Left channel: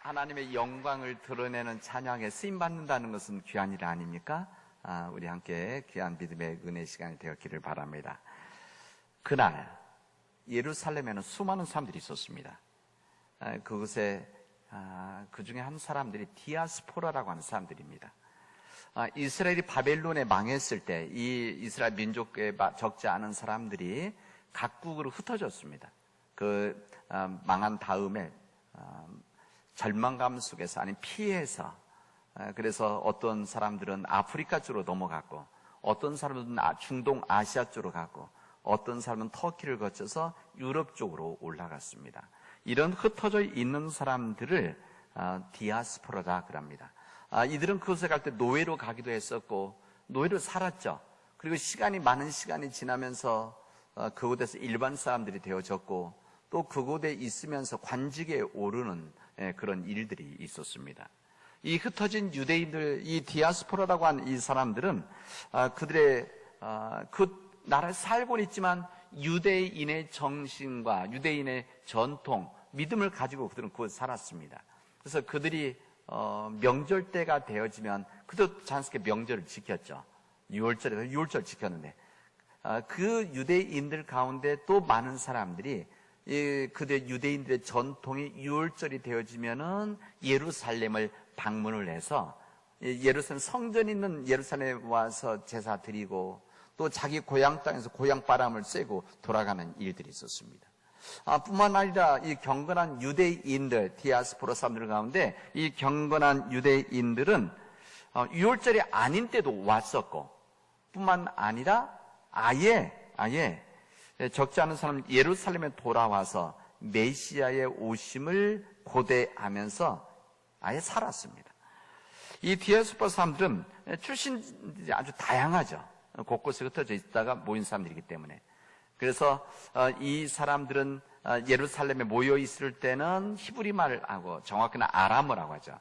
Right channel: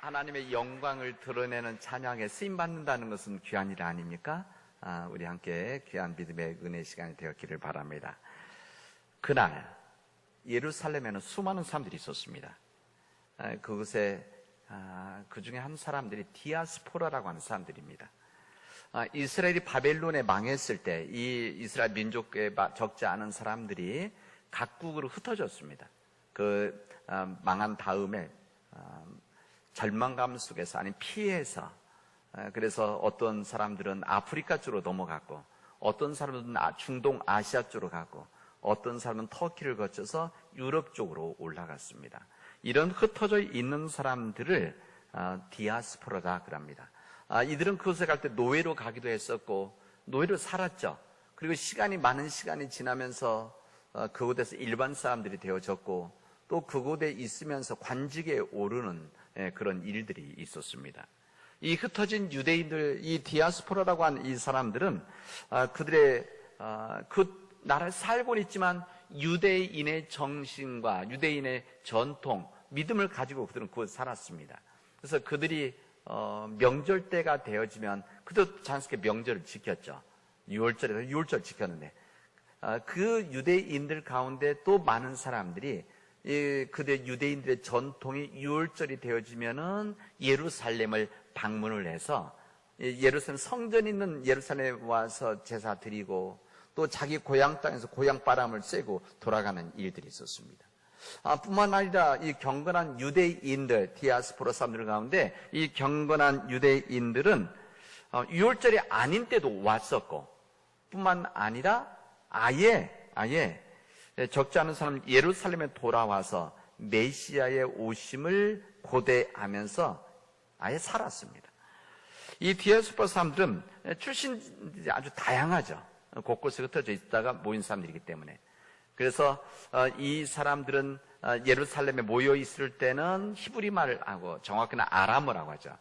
하나님의 영광을 드러내는 찬양에 쓰임받는다는 것은 귀한 일 아닙니까? 우리 함께 귀한 믿음의 은혜 시간이 되었기를 바랍니다. 그날 예루살렘에는 수많은 사람들이 있었습니다. 그곳에 그 중에 한 사람들이 디아스포라라고 하는 사람들입니다. 이스라엘이 바벨론에 망했을 때 이 이스라엘 민족에 적지 않은 사람들이 각국으로 흩어졌습니다. 그 망한 다음에 절망감 속에서 아니 피해서 그래서 어떤 사람들은 아프리카 쪽으로 넘어가고 어떤 사람들은 중동 아시아 쪽으로 가고 어떤 사람은 터키를 거쳐서 유럽 쪽으로 올라갔습니다. 이런 흩어져 있는 사람들을 디아스포라다 그럽니다. 이들은 그곳에 갈 때 노예로 가기도 했었고 노예로 살았죠. 그리고 많은 시간이 지나면서 그곳에서 일반 사람들이 되어졌고 또 그곳에 있으면서 관직에 오르는 그런 일들이 있었습니다. 이 흩어진 유대인들, 이 디아스포라라고 하는 이 사람들은 그들의 그 나라에 살고 있지만 유대인의 정신과 유대인의 전통, 믿음을 가지고 그들은 그곳에 살았습니다. 그래서 그들이 명절 때가 되어지면 그도 자연스럽게 명절을 지켰죠. 6월절 지켰는데 그 유대인들 가운데 또 많은 사람들이 그들 유대인들의 전통이 6월절이 되어지면은 예루살렘을 방문을 해서 예루살렘 성전 있는 예루살렘에 와서 제사 드리고 또 자기 고향 땅에서 고향 바람을 쐬고 돌아가는 일들이 있었습니다. 뿐만 아니라 이 경건한 유대인들, 디아스포라 사람들 가운데 이 경건한 유대인들은 6월절이 아닌 때도 왔었고 뿐만 아니라 아예 적지 않은 사람은 예루살렘에 돌아와서 메시아의 오심을 고대하면서 아예 살았습니다. 이 디아스포라 사람들은 출신이 아주 다양하죠. 곳곳에 흩어져 있다가 모인 사람들이기 때문에. 그래서 이 사람들은 예루살렘에 모여 있을 때는 히브리 말을 하고 정확히는 아람어라고 하죠.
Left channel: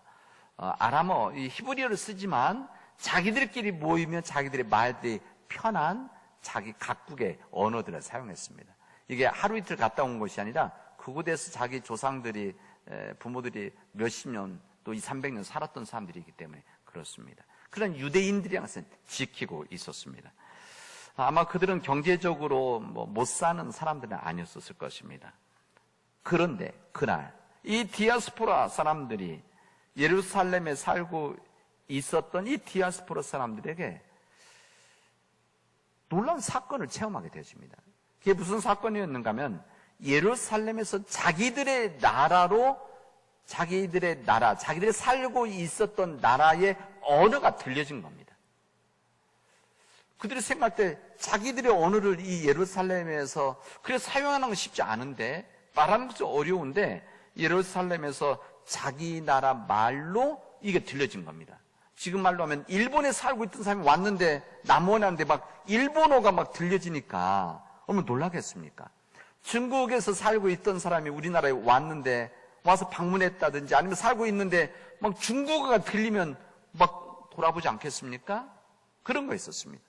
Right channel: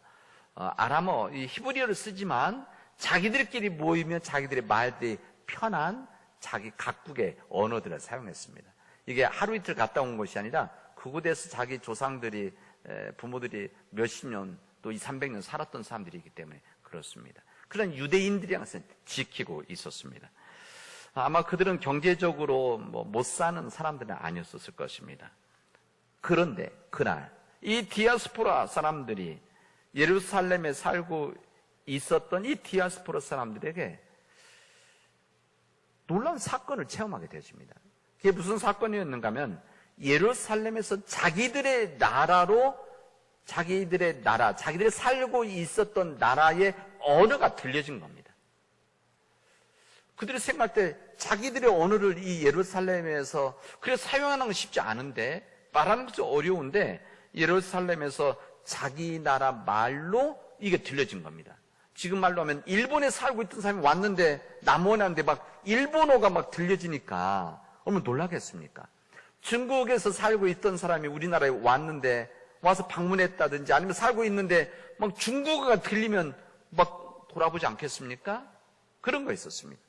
아람어, 이 히브리어를 쓰지만 자기들끼리 모이면 자기들의 말들이 편한 자기 각국의 언어들을 사용했습니다. 이게 하루 이틀 갔다 온 것이 아니라 그곳에서 자기 조상들이 부모들이 몇십 년 또 200~300년 살았던 사람들이기 때문에 그렇습니다. 그런 유대인들이 항상 지키고 있었습니다. 아마 그들은 경제적으로 못 사는 사람들은 아니었을 것입니다. 그런데 그날 이 디아스포라 사람들이 예루살렘에 살고 있었던 이 디아스포라 사람들에게 놀라운 사건을 체험하게 되었습니다. 그게 무슨 사건이었는가 하면 예루살렘에서 자기들의 자기들이 살고 있었던 나라의 언어가 들려진 겁니다. 그들이 생각할 때 자기들의 언어를 이 예루살렘에서 그래서 사용하는 건 쉽지 않은데 말하는 것도 어려운데 예루살렘에서 자기 나라 말로 이게 들려진 겁니다. 지금 말로 하면 일본에 살고 있던 사람이 왔는데 남원하는데 막 일본어가 막 들려지니까 얼마나 놀라겠습니까? 중국에서 살고 있던 사람이 우리나라에 왔는데 와서 방문했다든지 아니면 살고 있는데 막 중국어가 들리면 막 돌아보지 않겠습니까? 그런 거 있었습니다.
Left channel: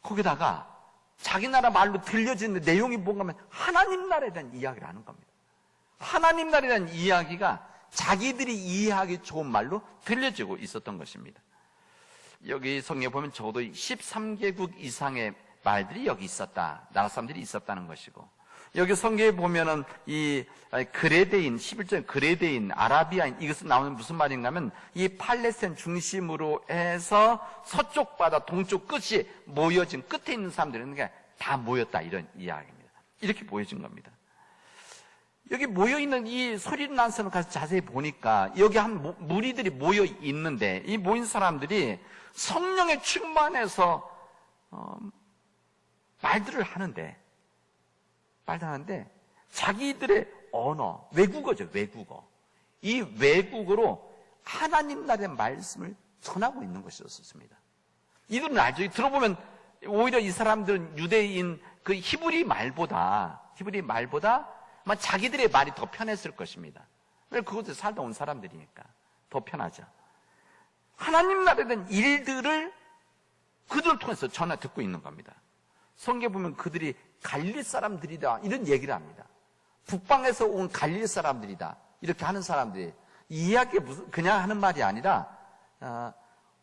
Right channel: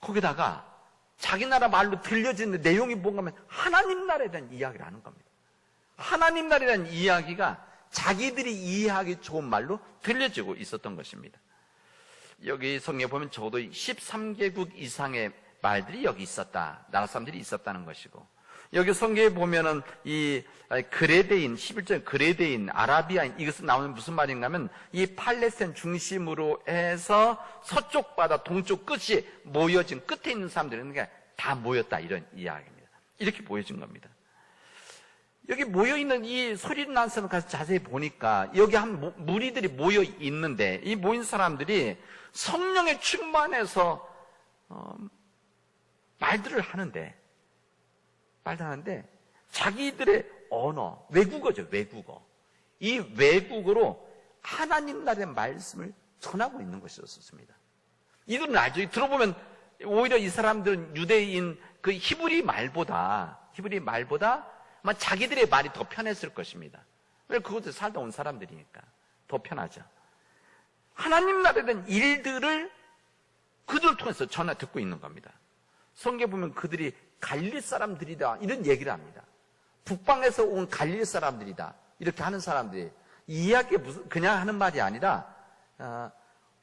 거기다가 자기 나라 말로 들려지는 내용이 뭔가 하면 하나님 나라에 대한 이야기를 하는 겁니다. 하나님 나라에 대한 이야기가 자기들이 이해하기 좋은 말로 들려지고 있었던 것입니다. 여기 성경에 보면 적어도 13개국 이상의 말들이 여기 있었다. 나라 사람들이 있었다는 것이고 여기 성경에 보면은 이 그레데인, 11절 그레데인, 아라비아인 이것은 나오는 무슨 말인가 하면 이 팔레스타인 중심으로 해서 서쪽 바다 동쪽 끝이 모여진 끝에 있는 사람들은 다 모였다 이런 이야기입니다. 이렇게 보여진 겁니다. 여기 모여있는 이 소리난선 가서 자세히 보니까 여기 한 무리들이 모여 있는데 이 모인 사람들이 성령에 충만해서 말들을 하는데 자기들의 언어, 외국어죠, 외국어. 이 외국어로 하나님 나라의 말씀을 전하고 있는 것이었습니다. 이건 나중에 들어보면 오히려 이 사람들은 유대인 그 히브리 말보다 아마 자기들의 말이 더 편했을 것입니다. 왜 그곳에 살다 온 사람들이니까 더 편하죠. 하나님 나라에 대한 일들을 그들을 통해서 전해 듣고 있는 겁니다. 성경에 보면 그들이 갈릴리 사람들이다 이런 얘기를 합니다. 북방에서 온 갈릴리 사람들이다. 이렇게 하는 사람들이 이야기 무슨 그냥 하는 말이 아니라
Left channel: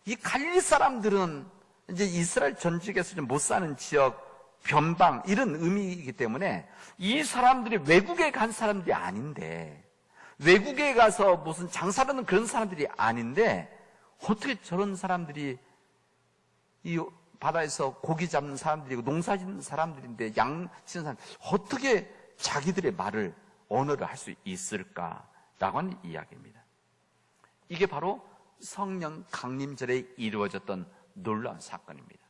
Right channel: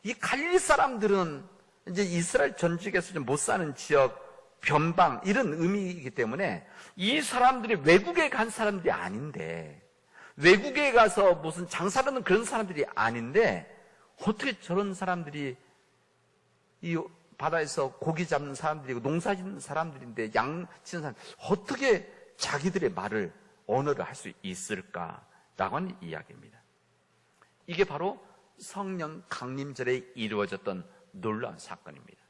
이 갈릴리 사람들은 이제 이스라엘 전직에서는 못 사는 지역, 변방 이런 의미이기 때문에 이 사람들이 외국에 간 사람들이 아닌데 외국에 가서 무슨 장사하는 그런 사람들이 아닌데 어떻게 저런 사람들이 이 바다에서 고기 잡는 사람들이고 농사 짓는 사람들인데 양 치는 사람 어떻게 자기들의 말을 언어를 할 수 있을까라고 하는 이야기입니다. 이게 바로 성령 강림절에 이루어졌던 놀라운 사건입니다.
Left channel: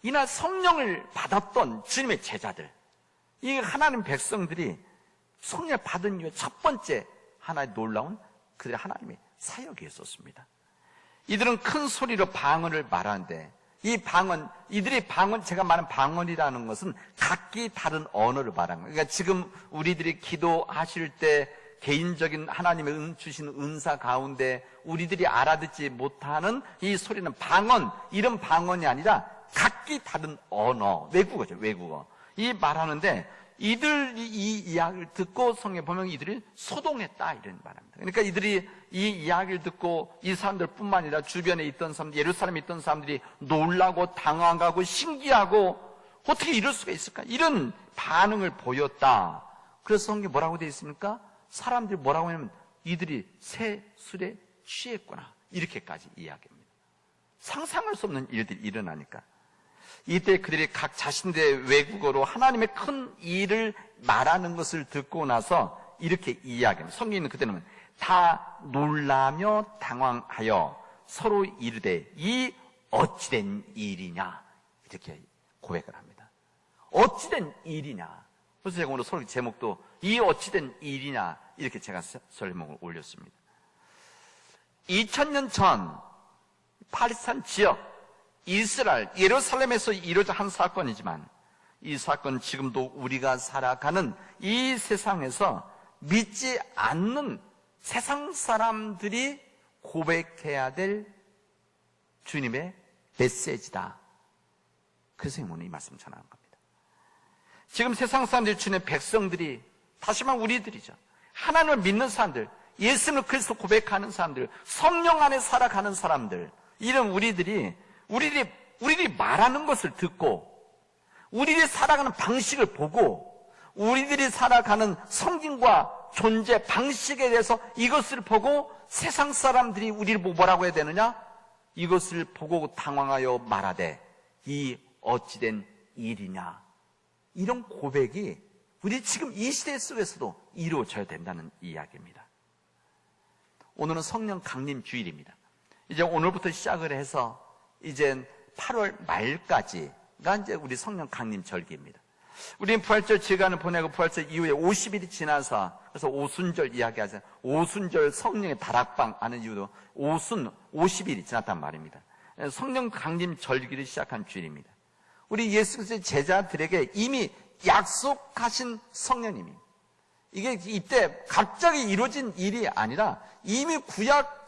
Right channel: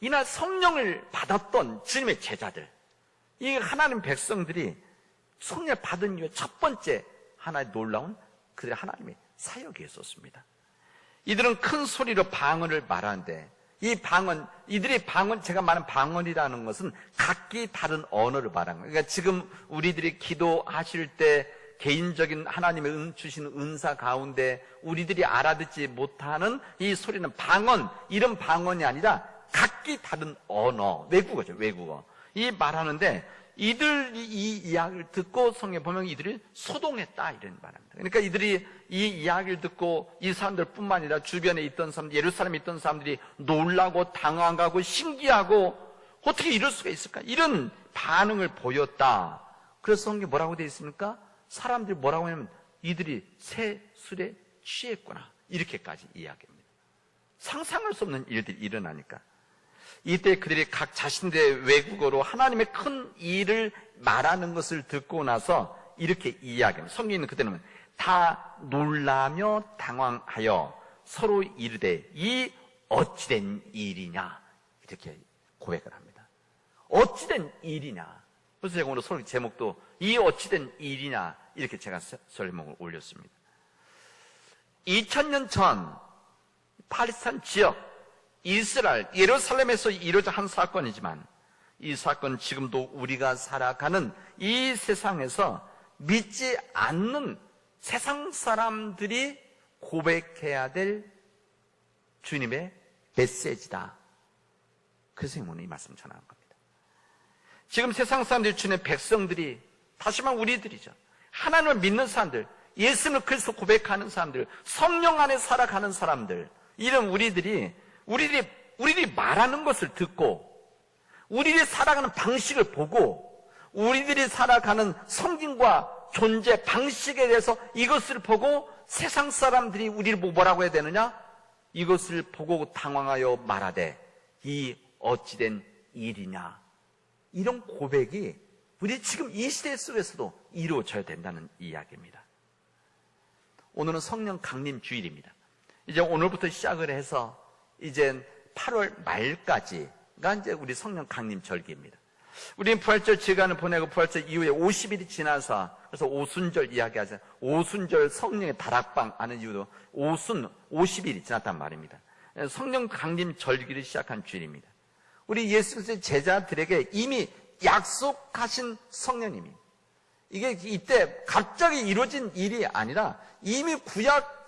이날 성령을 받았던 주님의 제자들, 이 하나님 백성들이 성령을 받은 이후 첫 번째 하나의 놀라운 그 하나님의 사역이 있었습니다. 이들은 큰 소리로 방언을 말하는데 이들의 방언, 제가 말한 방언이라는 것은 각기 다른 언어를 말하는 거예요. 그러니까 지금 우리들이 기도하실 때 개인적인 하나님의 주신 은사 가운데 우리들이 알아듣지 못하는 이 소리는 방언, 이런 방언이 아니라 각기 다른 언어, 외국어죠, 외국어. 이 말하는데 이들 이 이야기를 듣고 성경에 보면 이들이 소동했다 이런 말입니다. 그러니까 이들이 이 이야기를 듣고 이 사람들뿐만 아니라 주변에 있던 사람, 예루살렘에 있던 사람들이 놀라고 당황하고 신기하고 어떻게 이럴 수가 있을까? 이런 반응을 보였다. 그래서 성경에 뭐라고 되어 있습니까? 사람들이 뭐라고 하냐면 이들이 새 술에 취했구나. 이렇게까지 이야기합니다. 상상할 수 없는 일들이 일어나니까. 이때 그들이 각 자신들의 외국어로 하나님의 큰 일을 말하는 것을 듣고 나서 이렇게 이야기합니다. 성경에는 그때는 다 놀라며 당황하여 서로 이르되 이 어찌된 일이냐 이렇게 고백을 합니다. 어찌된 일이냐. 그래서 제가 오늘 설교 제목도 이 어찌된 일이냐 이렇게 제가 설명을 올렸습니다. 2000년 전 팔레스타인 지역 이스라엘, 예루살렘에서 이루어진 한 사건이지만 이 사건은 지금도 우리가 살아가는 이 세상에서 믿지 않는 세상 사람들이 고백해야 될 주님의 메시지다. 그래서 오늘 이 말씀 전하는 겁니다. 지금 세상 사람들이 주님의 백성들이 다시 말하면 우리들이죠. 하나님을 믿는 사람들, 예수는 그리스도 고백하는 사람들, 성령 안에 살아가는 사람들, 이런 우리들이 말하는 것을 듣고 우리들이 살아가는 방식을 보고 우리들이 살아가는 성경과 존재 방식에 대해서 이것을 보고 세상 사람들이 우리를 보고 뭐라고 해야 되느냐? 이것을 보고 당황하여 말하되 이 어찌된 일이냐? 이런 고백이 우리 지금 이 시대 속에서도 이루어져야 된다는 이야기입니다. 오늘은 성령 강림 주일입니다. 이제 오늘부터 시작을 해서 이제 8월 말까지가 이제 우리 성령 강림 절기입니다. 우리는 부활절 기간을 보내고 부활절 이후에 50일이 지나서 그래서 오순절 이야기하잖아요. 오순절 성령의 다락방 하는 이유로 오순 50일이 지났단 말입니다. 성령 강림 절기를 시작한 주일입니다. 우리 예수 그리스도의 제자들에게 이미 약속하신 성령님입니다. 이게 이때 갑자기 이루어진 일이 아니라 이미 구약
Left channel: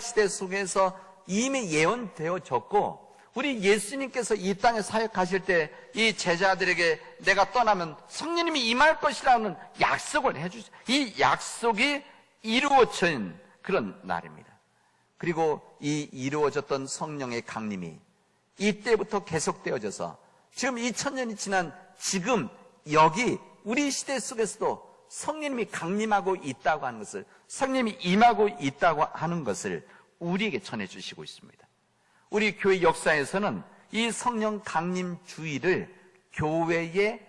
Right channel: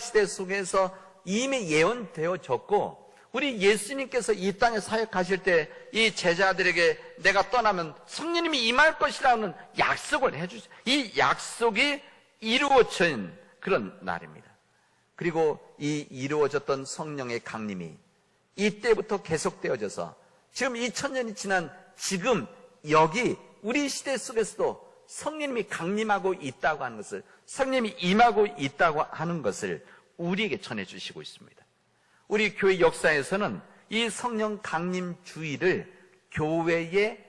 시대 속에서 이미 예언되어졌고 우리 예수님께서 이 땅에 사역하실 때 이 제자들에게 내가 떠나면 성령님이 임할 것이라는 약속을 해주셨어요. 이 약속이 이루어진 그런 날입니다. 그리고 이 이루어졌던 성령의 강림이 이때부터 계속되어져서 지금 2000년이 지난 지금 여기 우리 시대 속에서도 성령님이 강림하고 있다고 하는 것을, 성령님이 임하고 있다고 하는 것을 우리에게 전해주시고 있습니다. 우리 교회 역사에서는 이 성령 강림 주일을 교회의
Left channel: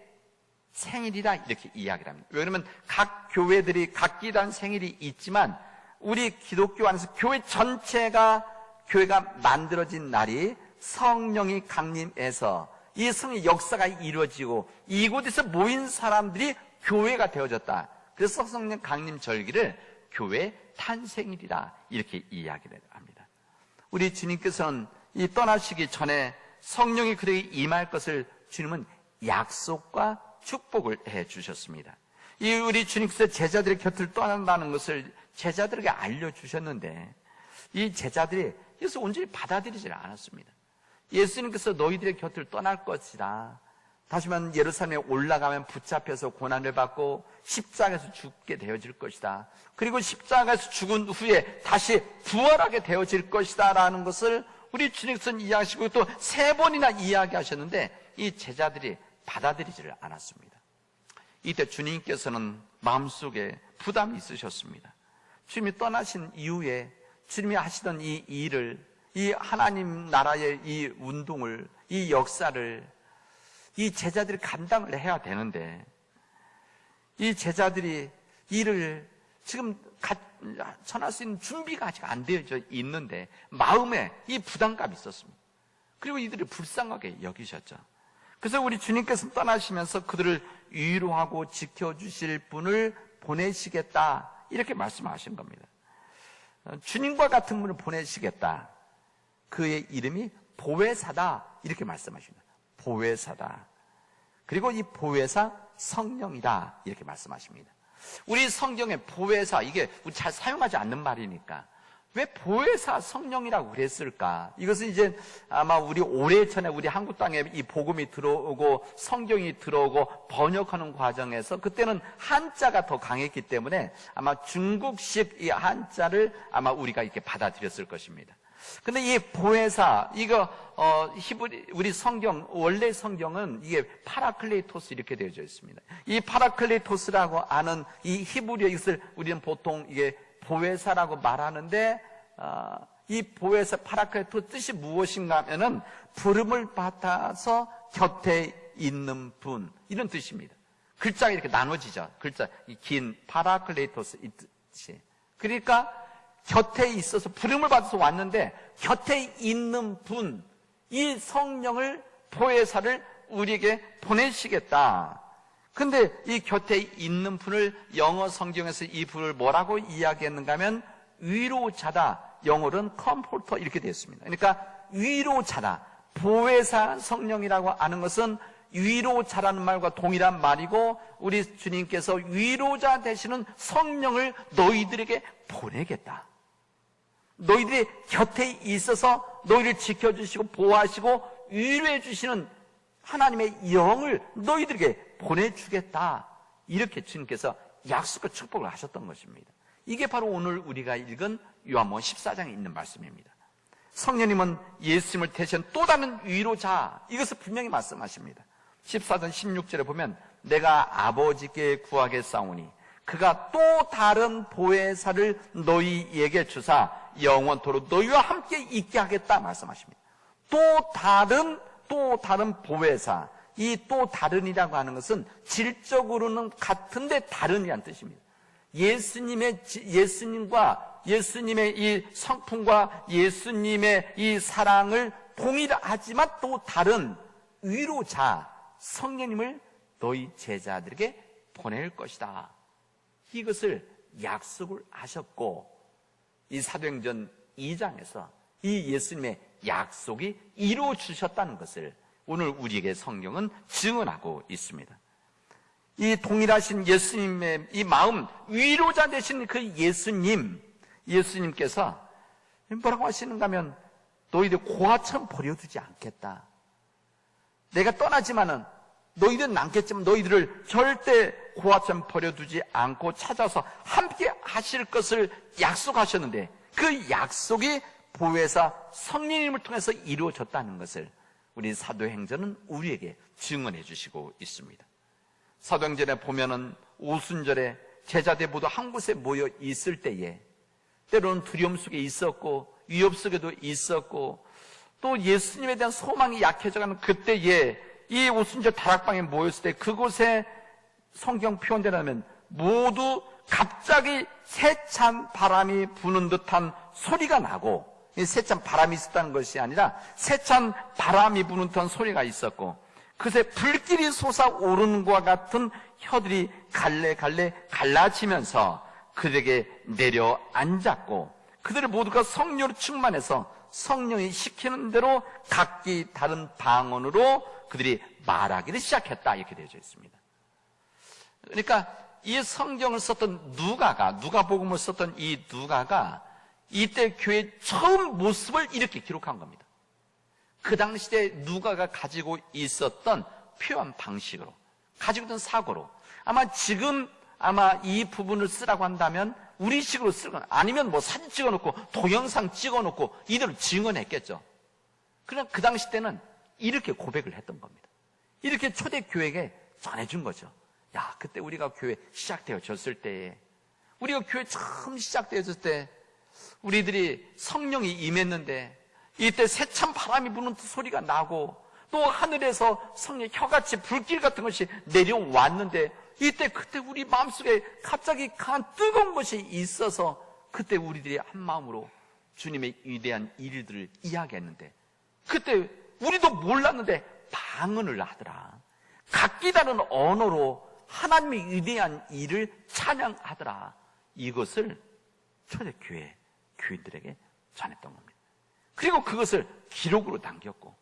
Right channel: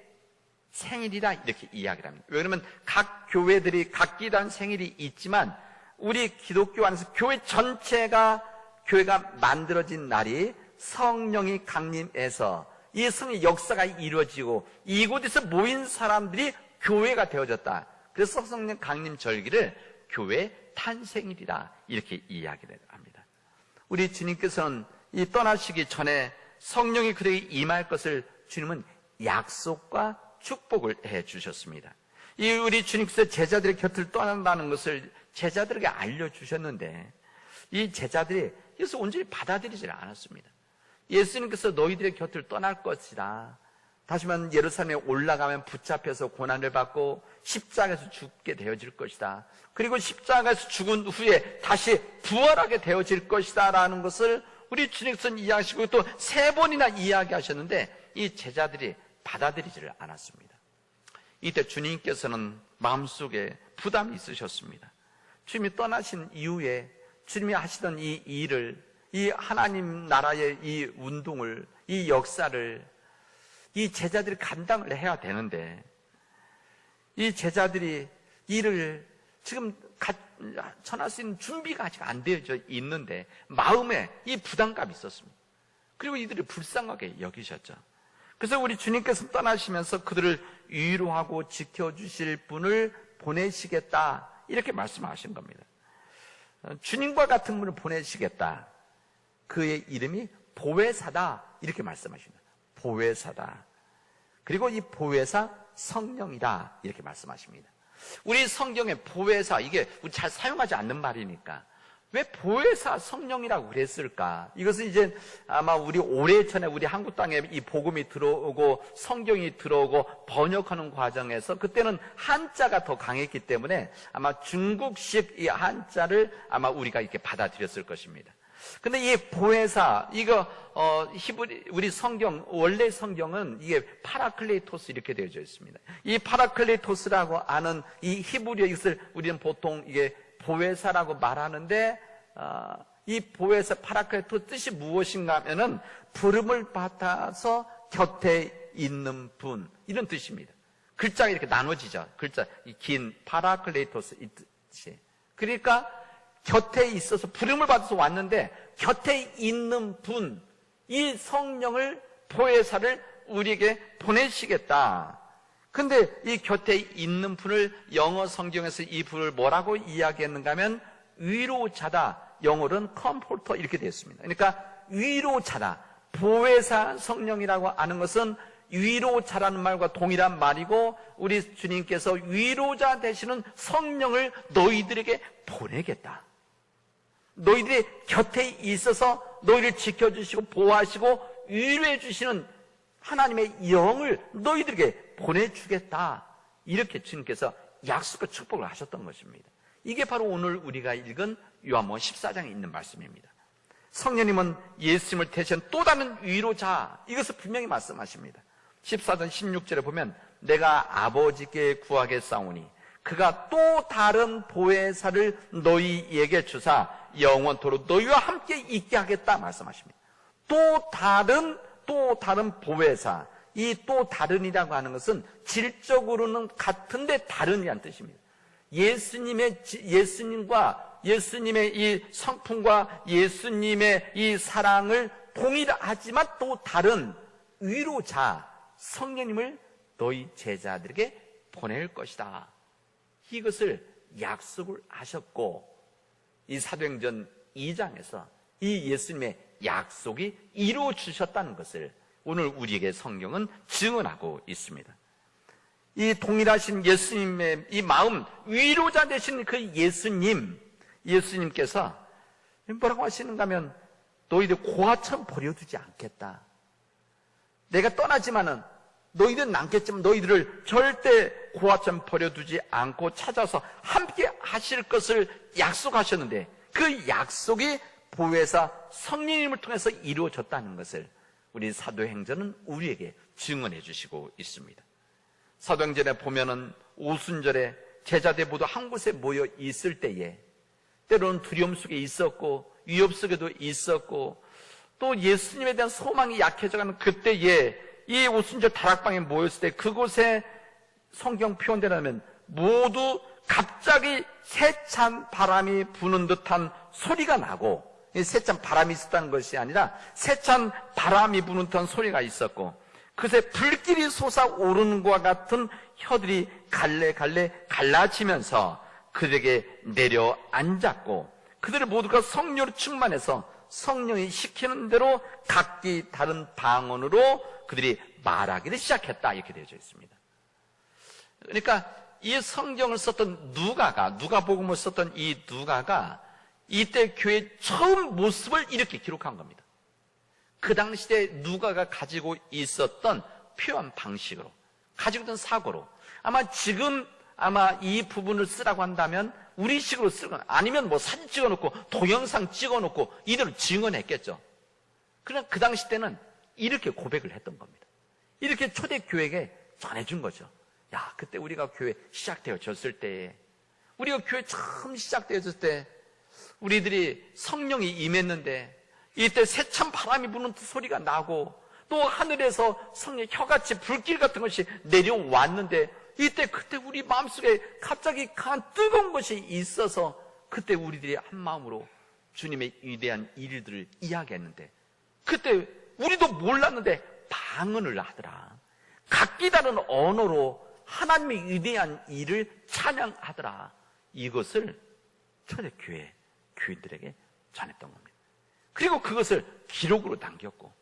생일이라 이렇게 이야기를 합니다. 왜냐하면 각 교회들이 각기 다른 생일이 있지만 우리 기독교 안에서 교회 전체가 교회가 만들어진 날이 성령이 강림해서 이 성의 역사가 이루어지고 이곳에서 모인 사람들이 교회가 되어졌다. 그래서 성령 강림 절기를 교회 탄생일이라 이렇게 이야기를 합니다. 우리 주님께서는 이 떠나시기 전에 성령이 그들에게 임할 것을 주님은 약속과 축복을 해 주셨습니다. 이 우리 주님께서 제자들의 곁을 떠난다는 것을 제자들에게 알려주셨는데 이 제자들이 이것을 온전히 받아들이지 않았습니다. 예수님께서 너희들의 곁을 떠날 것이다. 다시 말하면 예루살렘에 올라가면 붙잡혀서 고난을 받고 십자가에서 죽게 되어질 것이다. 그리고 십자가에서 죽은 후에 다시 부활하게 되어질 것이다 라는 것을 우리 주님께서는 이야기하시고 또 3번이나 이야기하셨는데 이 제자들이 받아들이지를 않았습니다. 이때 주님께서는 마음속에 부담이 있으셨습니다. 주님이 떠나신 이후에 주님이 하시던 이 일을, 이 하나님 나라의 이 운동을, 이 역사를 이 제자들이 감당을 해야 되는데 이 제자들이 이를 지금 전할 수 있는 준비가 아직 안 되어져 있는데 마음에 이 부담감이 있었습니다. 그리고 이들을 불쌍하게 여기셨죠. 그래서 우리 주님께서 떠나시면서 그들을 위로하고 지켜주실 분을 보내시겠다 이렇게 말씀하신 겁니다. 주님과 같은 분을 보내시겠다. 그의 이름이 보혜사다 이렇게 말씀하십니다. 보혜사다. 그리고 이 보혜사 성령이다 이렇게 말씀하십니다. 우리 성경에 보혜사, 이게 우리 잘 사용하지 않는 말이니까 왜 보혜사 성령이라고 그랬을까? 이것은 이제 아마 우리 오래전에 우리 한국 땅에 이 복음이 들어오고 성경이 들어오고 번역하는 과정에서 그때는 한자가 더 강했기 때문에 아마 중국식 이 한자를 아마 우리가 이렇게 받아들였을 것입니다. 근데 이 보혜사, 이거, 히브리, 우리 성경, 원래 성경은 이게 파라클레이토스 이렇게 되어져 있습니다. 이 파라클레이토스라고 하는 이 히브리어 이것을 우리는 보통 이게 보혜사라고 말하는데, 이 보혜사 파라클레이토스 뜻이 무엇인가 하면은 부름을 받아서 곁에 있는 분, 이런 뜻입니다. 글자가 이렇게 나눠지죠. 글자, 이 긴 파라클레이토스 이 뜻이. 그러니까, 곁에 있어서 부름을 받아서 왔는데 곁에 있는 분, 이 성령을 보혜사를 우리에게 보내시겠다. 근데 이 곁에 있는 분을 영어 성경에서 이 분을 뭐라고 이야기했는가 하면 위로자다. 영어로는 컴포터 이렇게 되어 있습니다. 그러니까 위로자다. 보혜사 성령이라고 하는 것은 위로자라는 말과 동일한 말이고 우리 주님께서 위로자 되시는 성령을 너희들에게 보내겠다. 너희들의 곁에 있어서 너희를 지켜주시고 보호하시고 위로해 주시는 하나님의 영을 너희들에게 보내주겠다. 이렇게 주님께서 약속과 축복을 하셨던 것입니다. 이게 바로 오늘 우리가 읽은 요한복음 14장에 있는 말씀입니다. 성령님은 예수님을 대신 또 다른 위로자, 이것을 분명히 말씀하십니다. 14장 16절에 보면 내가 아버지께 구하겠사오니 그가 또 다른 보혜사를 너희에게 주사 영원토록 너희와 함께 있게 하겠다 말씀하십니다. 또 다른 보혜사, 이 또 다른이라고 하는 것은 질적으로는 같은데 다른이라는 뜻입니다. 예수님과 예수님의 이 성품과 예수님의 이 사랑을 동일하지만 또 다른 위로자 성령님을 너희 제자들에게 보낼 것이다. 이것을 약속을 하셨고 이 사도행전 2장에서 이 예수님의 약속이 이루어주셨다는 것을 오늘 우리에게 성경은 증언하고 있습니다. 이 동일하신 예수님의 이 마음, 위로자 되신 그 예수님께서 뭐라고 하시는가 하면 너희들 고아처럼 버려두지 않겠다. 내가 떠나지만은 너희들은 남겠지만 너희들을 절대 고아처럼 버려두지 않고 찾아서 함께 하실 것을 약속하셨는데 그 약속이 보혜사 성령님을 통해서 이루어졌다는 것을 우리 사도행전은 우리에게 증언해 주시고 있습니다. 사도행전에 보면은 오순절에 제자들 모두 한 곳에 모여 있을 때에 때로는 두려움 속에 있었고 위협 속에도 있었고 또 예수님에 대한 소망이 약해져가는 그때에 이 오순절 다락방에 모였을 때 그곳에 성경 표현되라면 모두 갑자기 세찬 바람이 부는 듯한 소리가 나고 이 세찬 바람이 있었다는 것이 아니라 세찬 바람이 부는 듯한 소리가 있었고 그새 불길이 솟아오르는 것과 같은 혀들이 갈래갈래 갈라지면서 그들에게 내려앉았고 그들 모두가 성령으로 충만해서 성령이 시키는 대로 각기 다른 방언으로 그들이 말하기를 시작했다 이렇게 되어져 있습니다. 그러니까 이 성경을 썼던 누가복음을 썼던 이 누가가 이때 교회의 처음 모습을 이렇게 기록한 겁니다. 그 당시에 누가가 가지고 있었던 표현 방식으로 가지고 있던 사고로 아마 지금 아마 이 부분을 쓰라고 한다면 우리식으로 쓰고 아니면 뭐 사진 찍어놓고 동영상 찍어놓고 이대로 증언했겠죠. 그러나 그 당시 때는 이렇게 고백을 했던 겁니다. 이렇게 초대교회에 전해준 거죠. 야, 그때 우리가 교회 시작되어졌을 때, 우리가 교회 처음 시작되었을 때 우리들이 성령이 임했는데 이때 새찬 바람이 부는 소리가 나고 또 하늘에서 성령 혀같이 불길 같은 것이 내려왔는데 이때 그때 우리 마음속에 갑자기 간 뜨거운 것이 있어서 그때 우리들이 한 마음으로 주님의 위대한 일들을 이야기했는데 그때 우리도 몰랐는데 방언을 하더라. 각기 다른 언어로 하나님의 위대한 일을 찬양하더라. 이것을 초대교회 교인들에게 전했던 겁니다. 그리고 그것을 기록으로 남겼고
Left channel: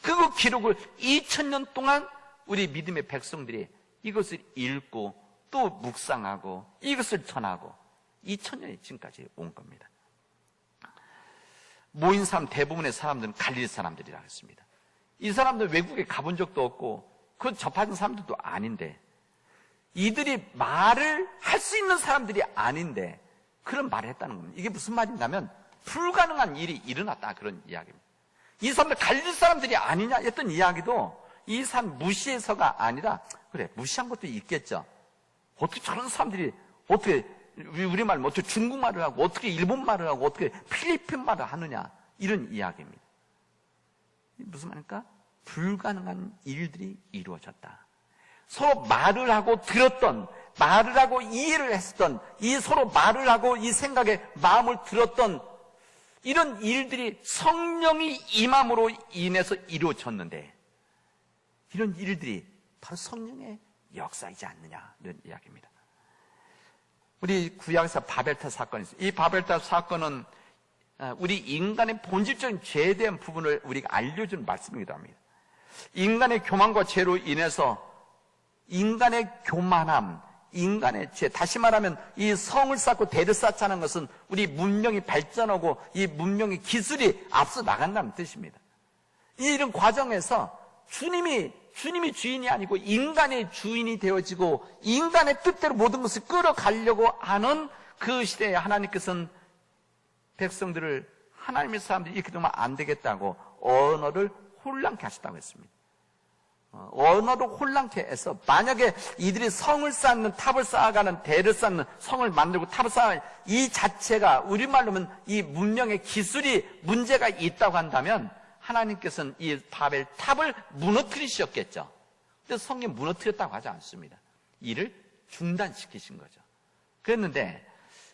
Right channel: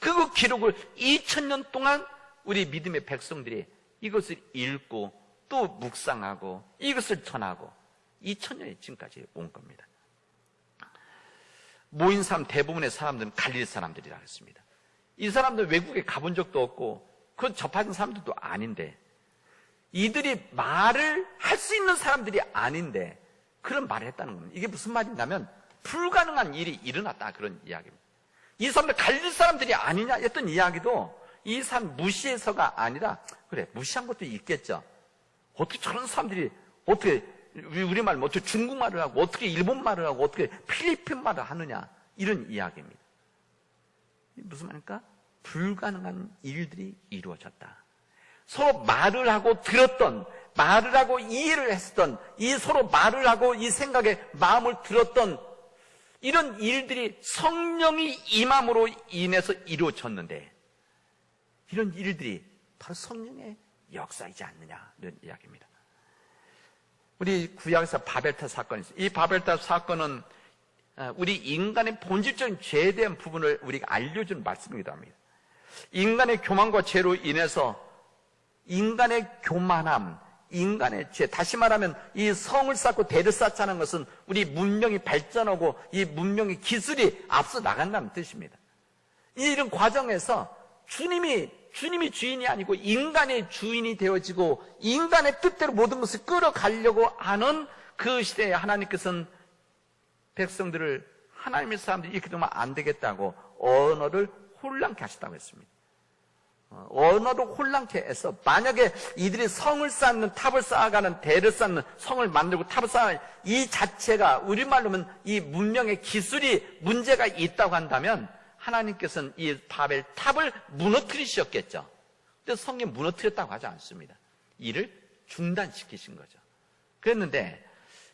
그 기록을 2000년 동안 우리 믿음의 백성들이 이것을 읽고 또 묵상하고 이것을 전하고 2000년이 지금까지 온 겁니다. 모인 사람 대부분의 사람들은 갈릴 사람들이라 했습니다. 이 사람들 외국에 가본 적도 없고 그 접하는 사람들도 아닌데 이들이 말을 할 수 있는 사람들이 아닌데 그런 말을 했다는 겁니다. 이게 무슨 말이냐면 불가능한 일이 일어났다 그런 이야기입니다. 이 사람들 갈릴 사람들이 아니냐 했던 이야기도 이 사람 무시해서가 아니라 그래 무시한 것도 있겠죠. 어떻게 저런 사람들이 어떻게 우리말 어떻게 중국말을 하고 어떻게 일본말을 하고 어떻게 필리핀말을 하느냐 이런 이야기입니다. 무슨 말입니까? 불가능한 일들이 이루어졌다. 서로 말을 하고 들었던 말을 하고 이해를 했었던 이 서로 말을 하고 이 생각에 마음을 들었던 이런 일들이 성령이 임함으로 인해서 이루어졌는데 이런 일들이 더 성령의 역사이지 않느냐 이런 이야기입니다. 우리 구약에서 바벨탑 사건이 있어요. 이 바벨탑 사건은 우리 인간의 본질적인 죄에 대한 부분을 우리가 알려주는 말씀이기도 합니다. 인간의 교만과 죄로 인해서 인간의 교만함, 인간의 죄, 다시 말하면 이 성을 쌓고 대를 쌓자는 것은 우리 문명이 발전하고 이 문명의 기술이 앞서 나간다는 뜻입니다. 이런 과정에서 주님이 주인이 아니고 인간의 주인이 되어지고 인간의 뜻대로 모든 것을 끌어가려고 하는 그 시대에 하나님께서는 백성들을 하나님의 사람들이 이렇게 되면 안 되겠다고 언어를 혼란케 하시다고 했습니다. 언어를 혼란케 해서 만약에 이들이 성을 쌓는 탑을 쌓아가는 대를 쌓는 성을 만들고 탑을 쌓아가는 이 자체가 우리말로 하면 이 문명의 기술이 문제가 있다고 한다면 하나님께서는 이 바벨 탑을 무너뜨리셨겠죠. 그래서 성경 무너뜨렸다고 하지 않습니다. 이를 중단시키신 거죠. 그랬는데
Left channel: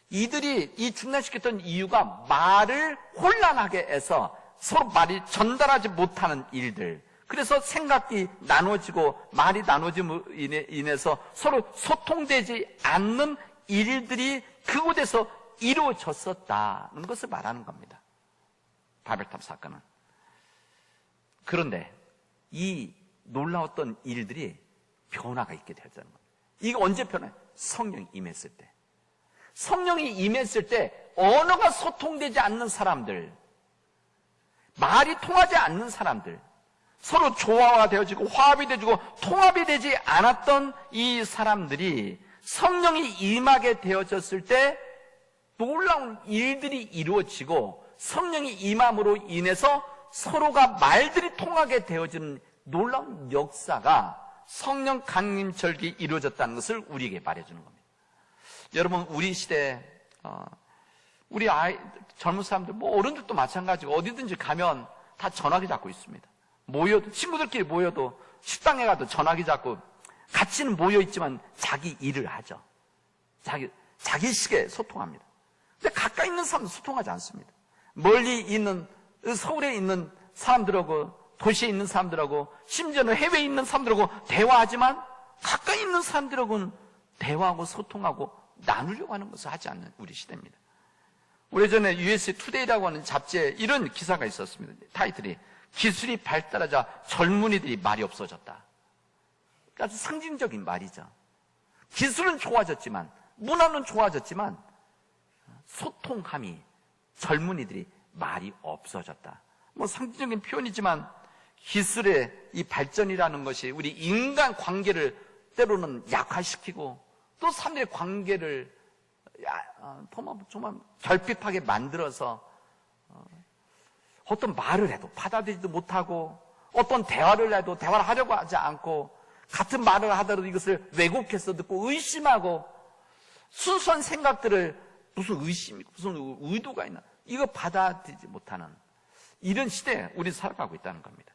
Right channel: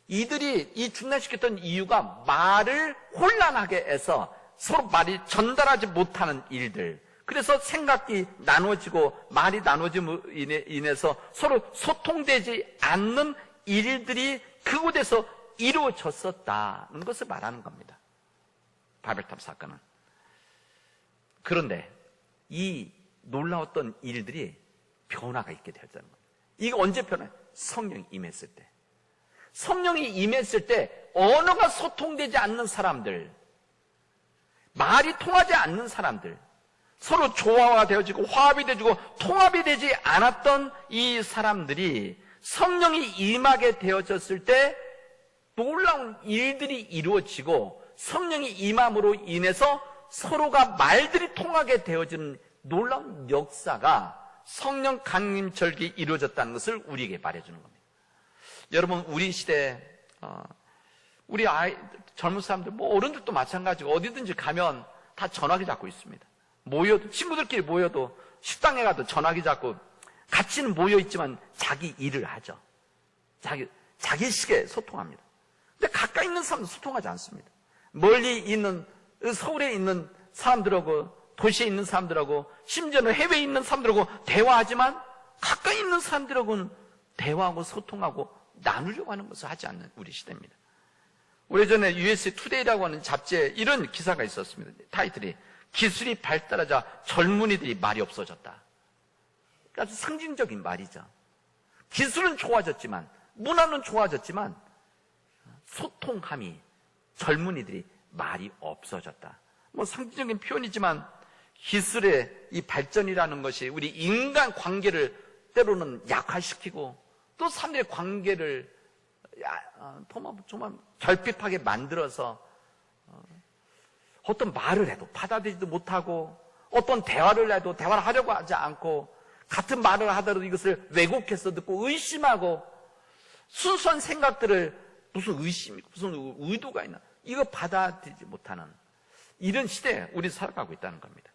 이들이 이 중단시켰던 이유가 말을 혼란하게 해서 서로 말이 전달하지 못하는 일들, 그래서 생각이 나눠지고 말이 나눠짐으로 인해서 서로 소통되지 않는 일들이 그곳에서 이루어졌었다는 것을 말하는 겁니다. 바벨탑 사건은. 그런데 이 놀라웠던 일들이 변화가 있게 되었다는 겁니다. 이게 언제 변화해요? 성령이 임했을 때. 성령이 임했을 때 언어가 소통되지 않는 사람들, 말이 통하지 않는 사람들, 서로 조화가 되어지고 화합이 되어지고 통합이 되지 않았던 이 사람들이 성령이 임하게 되어졌을 때 놀라운 일들이 이루어지고 성령이 임함으로 인해서 서로가 말들이 통하게 되어지는 놀라운 역사가 성령 강림절기 이루어졌다는 것을 우리에게 말해주는 겁니다. 여러분, 우리 시대에 우리 아이 젊은 사람들, 뭐 어른들도 마찬가지고 어디든지 가면 다 전화기 잡고 있습니다. 모여도 친구들끼리 모여도 식당에 가도 전화기 잡고 같이는 모여 있지만 자기 일을 하죠. 자기 식에 소통합니다. 근데 가까이 있는 사람은 소통하지 않습니다. 멀리 있는 서울에 있는 사람들하고 도시에 있는 사람들하고 심지어는 해외에 있는 사람들하고 대화하지만 가까이 있는 사람들하고는 대화하고 소통하고 나누려고 하는 것을 하지 않는 우리 시대입니다. 오래전에 USA 투데이라고 하는 잡지에 이런 기사가 있었습니다. 타이틀이 기술이 발달하자 젊은이들이 말이 없어졌다. 아주 상징적인 말이죠. 기술은 좋아졌지만 문화는 좋아졌지만 소통함이 젊은이들이 말이 없어졌다. 뭐 상징적인 표현이지만 기술의 이 발전이라는 것이 우리 인간 관계를 때로는 약화시키고 또 사람들의 관계를 정말 결핍하게 만들어서 어떤 말을 해도 받아들이지도 못하고 어떤 대화를 해도 대화를 하려고 하지 않고 같은 말을 하더라도 이것을 왜곡해서 듣고 의심하고 순수한 생각들을 무슨 의심이 무슨 의도가 있나 이거 받아들이지 못하는 이런 시대에 우리 살아가고 있다는 겁니다.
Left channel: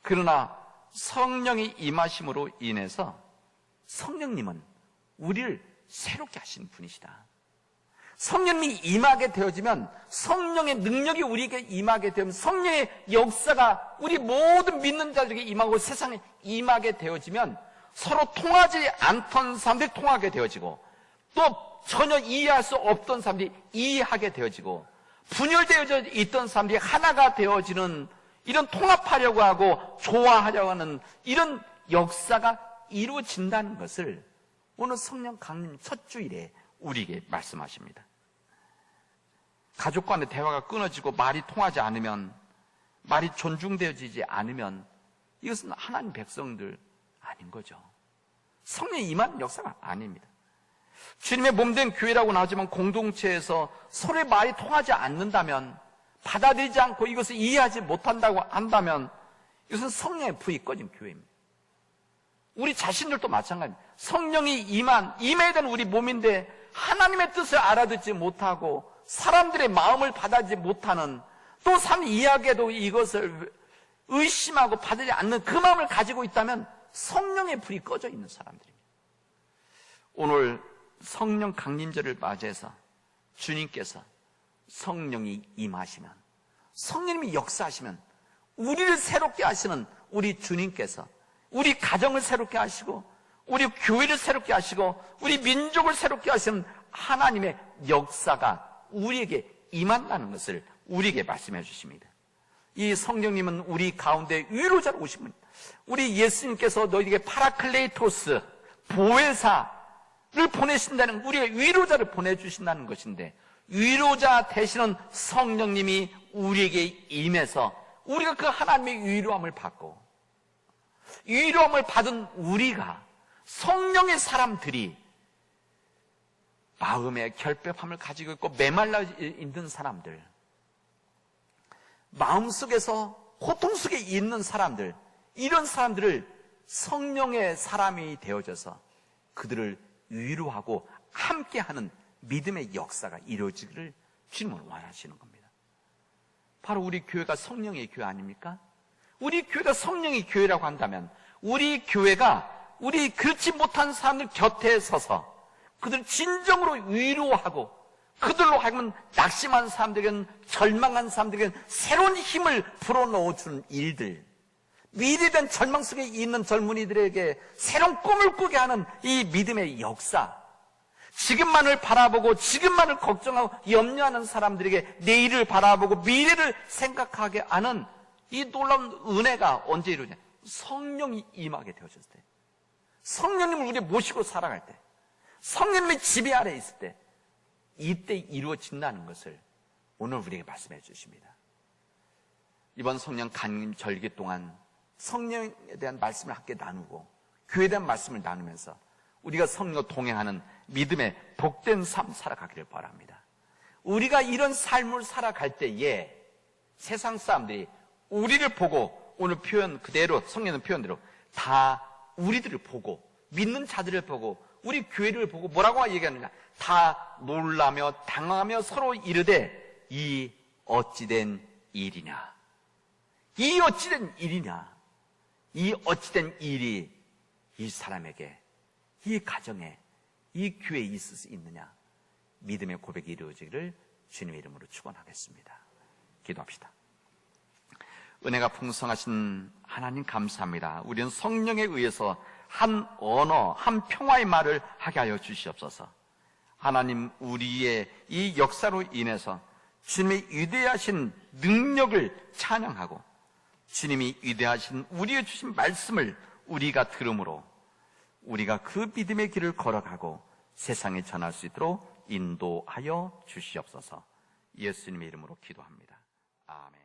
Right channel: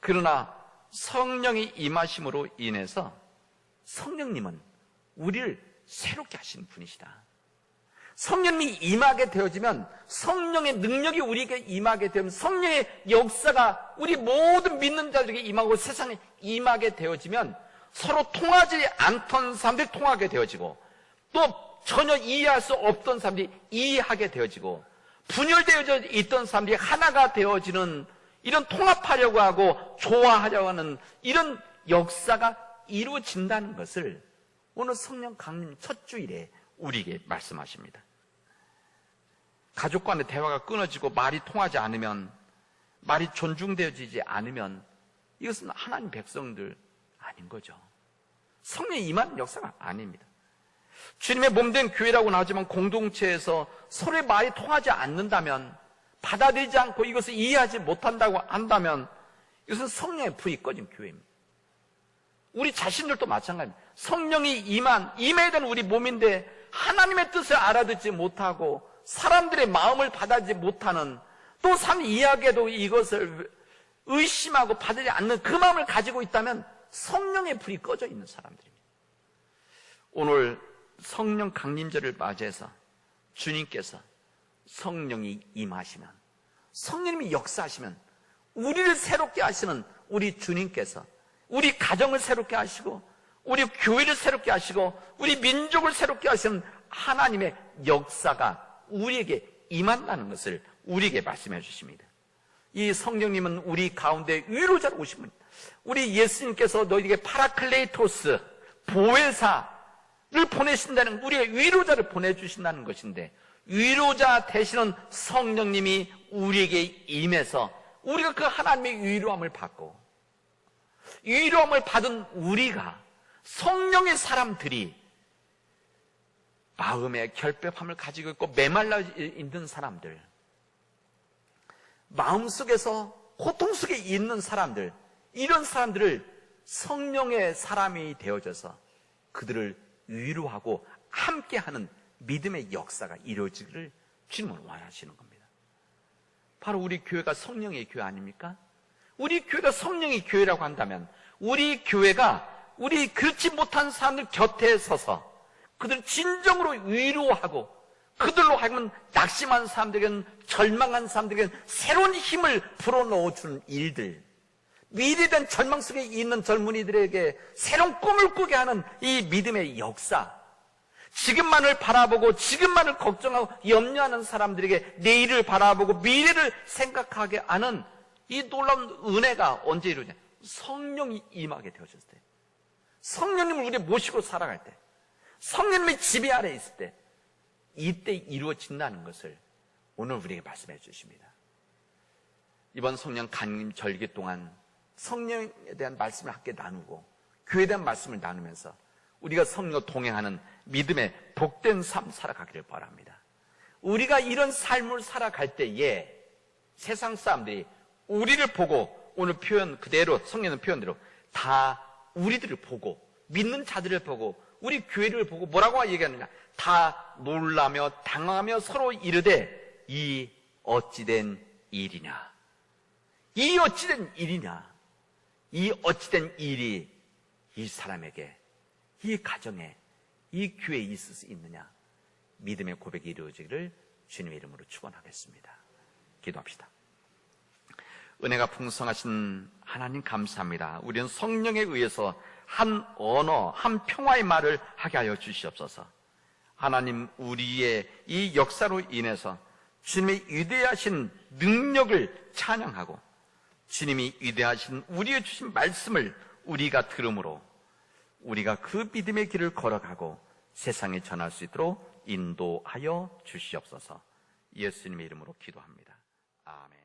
그러나 성령이 임하심으로 인해서 성령님은 우리를 새롭게 하시는 분이시다. 성령이 임하게 되어지면 성령의 능력이 우리에게 임하게 되면 성령의 역사가 우리 모든 믿는 자들에게 임하고 세상에 임하게 되어지면 서로 통하지 않던 사람들이 통하게 되어지고 또 전혀 이해할 수 없던 사람들이 이해하게 되어지고 분열되어 있던 사람들이 하나가 되어지는 이런 통합하려고 하고 조화하려고 하는 이런 역사가 이루어진다는 것을 오늘 성령 강림 첫 주일에 우리에게 말씀하십니다. 가족 간의 대화가 끊어지고 말이 통하지 않으면, 말이 존중되어지지 않으면 이것은 하나님 백성들 아닌 거죠. 성령이 임한 역사가 아닙니다. 주님의 몸된 교회라고는 하지만 공동체에서 서로의 말이 통하지 않는다면, 받아들이지 않고 이것을 이해하지 못한다고 한다면 이것은 성령의 불이 꺼진 교회입니다. 우리 자신들도 마찬가지입니다. 성령이 임해야 되는 우리 몸인데 하나님의 뜻을 알아듣지 못하고 사람들의 마음을 받아들이지 못하는, 또 사람이 이야기해도 이것을 의심하고 받아들이지 않는 그 마음을 가지고 있다면 성령의 불이 꺼져 있는 사람들입니다. 오늘 성령 강림절을 맞이해서 주님께서 성령이 임하시면, 성령님이 역사하시면 우리를 새롭게 하시는 우리 주님께서 우리 가정을 새롭게 하시고 우리 교회를 새롭게 하시고 우리 민족을 새롭게 하시는 하나님의 역사가 우리에게 임한다는 것을 우리에게 말씀해 주십니다. 이 성령님은 우리 가운데 위로자로 오신 분입니다. 우리 예수님께서 너희에게 파라클레이토스, 보혜사를 보내신다는, 우리의 위로자를 보내주신다는 것인데, 위로자 되시는 성령님이 우리에게 임해서 우리가 그 하나님의 위로함을 받고, 위로함을 받은 우리가, 성령의 사람들이 마음의 결핍함을 가지고 있고 메말라 있는 사람들, 마음속에서 고통 속에 있는 사람들, 이런 사람들을 성령의 사람이 되어져서 그들을 위로하고 함께하는 믿음의 역사가 이루어지기를 주님은 원하시는 겁니다. 바로 우리 교회가 성령의 교회 아닙니까? 우리 교회가 성령의 교회라고 한다면 우리 교회가 우리 그렇지 못한 사람들 곁에 서서 그들 진정으로 위로하고 그들로 하여금 낙심한 사람들에게는, 절망한 사람들에게는 새로운 힘을 불어넣어주는 일들, 미래된 절망 속에 있는 젊은이들에게 새로운 꿈을 꾸게 하는 이 믿음의 역사, 지금만을 바라보고 지금만을 걱정하고 염려하는 사람들에게 내일을 바라보고 미래를 생각하게 하는 이 놀라운 은혜가 언제 이루냐? 성령이 임하게 되어졌을 때, 성령님을 우리 모시고 살아갈 때, 성령님의 지배 안에 있을 때, 이때 이루어진다는 것을 오늘 우리에게 말씀해 주십니다. 이번 성령 강림 절기 동안 성령에 대한 말씀을 함께 나누고 교회에 대한 말씀을 나누면서 우리가 성령과 동행하는 믿음의 복된 삶 살아가기를 바랍니다. 우리가 이런 삶을 살아갈 때에 세상 사람들이 우리를 보고, 오늘 표현 그대로, 성령의 표현대로 다 우리들을 보고, 믿는 자들을 보고, 우리 교회를 보고 뭐라고 얘기하느냐? 다 놀라며 당하며 서로 이르되 이 어찌된 일이냐? 이 어찌된 일이냐? 이 어찌된 일이 이 사람에게, 이 가정에, 이 교회에 있을 수 있느냐? 믿음의 고백이 이루어지기를 주님의 이름으로 축원하겠습니다. 기도합시다. 은혜가 풍성하신 하나님 감사합니다. 우리는 성령에 의해서 한 언어, 한 평화의 말을 하게 하여 주시옵소서. 하나님, 우리의 이 역사로 인해서 주님의 위대하신 능력을 찬양하고 주님이 위대하신 우리의 주신 말씀을 우리가 들음으로 우리가 그 믿음의 길을 걸어가고 세상에 전할 수 있도록 인도하여 주시옵소서. 예수님의 이름으로 기도합니다. 아멘.